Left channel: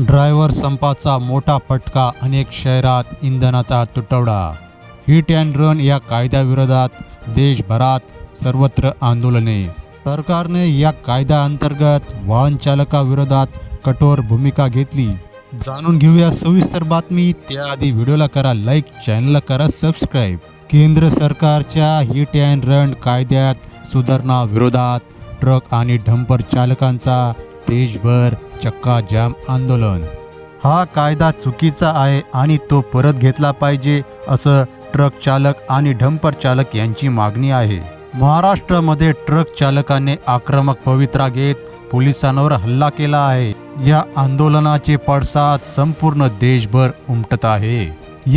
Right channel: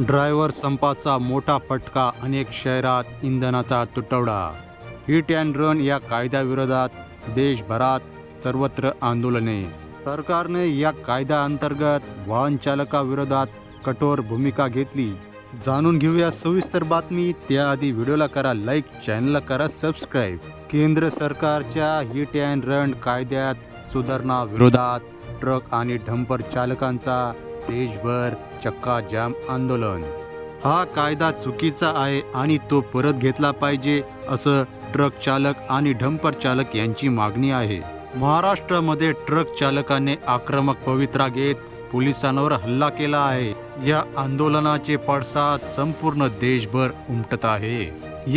Driver संपाचा मोठा फटका अनेक शहरात इंधनाचा तुटवडा. हिट अँड रन या कायद्याविरोधात देशभरात सर्वत्र आंदोलने. सरकारने या कायद्याअंतर्गत वाहन चालकाविरोधात कठोर भूमिका घेतली. जाणून घेऊया सविस्तर बातमी. त्याआधी व्हिडिओला करा लाईक चॅनलला करा सबस्क्राईब. केंद्र सरकारच्या हिट अँड रन कायद्यात सुधारणा विरोधात ट्रक आणि डंपर चालकांचा देशभर चक्का जाम आंदोलन. हा कायदा चुकीचा आहे आणि तो परत घेतला पाहिजे असं ट्रक चालक आणि डंपर चालक यांची मागणी आहे. महाराष्ट्रामध्ये ट्रक चालकाने आक्रमक पवित्रा घेत पोलिसांवर हल्ला केला आहे. या आंदोलनाचे पडसाद संपूर्ण देशभर उमटत आहे.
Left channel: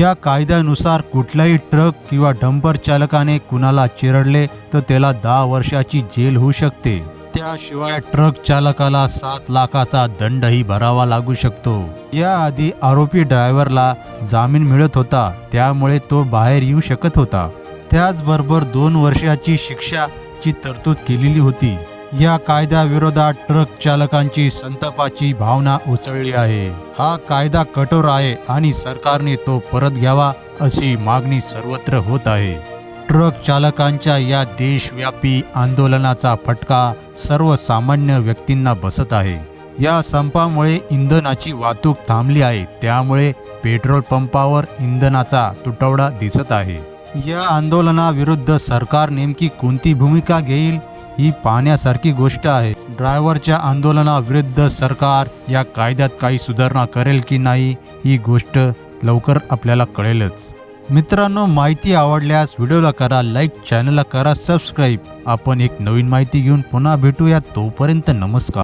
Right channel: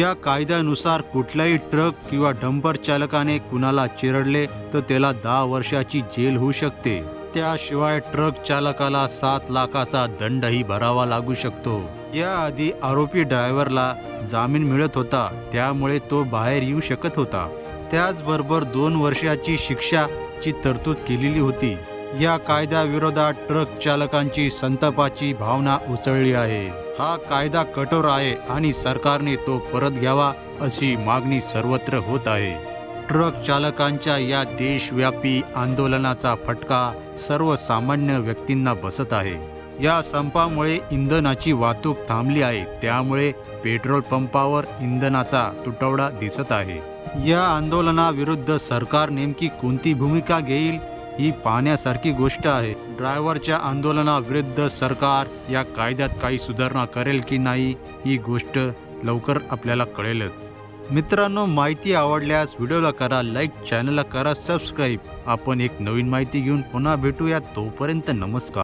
या कायद्यानुसार कुठल्याही ट्रक किंवा डंपर चालकाने कुणाला चिरडले तर त्याला दहा वर्षाची जेल होऊ शकते. त्याशिवाय ट्रक चालकाला सात लाखाचा दंडही भरावा लागू शकतो. याआधी आरोपी ड्रायव्हरला जामीन मिळत होता त्यामुळे तो बाहेर येऊ शकत होता. त्याचबरोबर दोन वर्षाची शिक्षाची तरतूद केलेली होती. या कायद्याविरोधात ट्रक चालकांची संतापाची भावना उसळली आहे. हा कायदा कठोर आहे आणि सरकारने तो परत घ्यावा अशी मागणी सर्वत्र होत आहे. ट्रक चालकांच्या या देशव्यापी आंदोलनाचा फटका सर्वसामान्य व्यक्तींना बसत आहे. या संपामुळे इंधनाची वाहतूक थांबली आहे. त्यामुळे पेट्रोल पंपावर इंधनाचा तुटवडा दिसत आहे. या आंदोलनाविरुद्ध सरकार नेमकी कोणती भूमिका घेईल ही पाहण्यासारखी गोष्ट आहे. ड्रायव्हरच्या आंदोलनाविरुद्ध सरकार या कायद्यात काही सुधारणा करेल की नाही ही गोष्ट लवकर आपल्याला कळेलच. मित्रांनो माहिती आवडल्यास व्हिडिओला करा लाईक चॅनलला करा सबस्क्राईब. आपण एक नवीन माहिती घेऊन पुन्हा भेटूया. तोपर्यंत नमस्कार.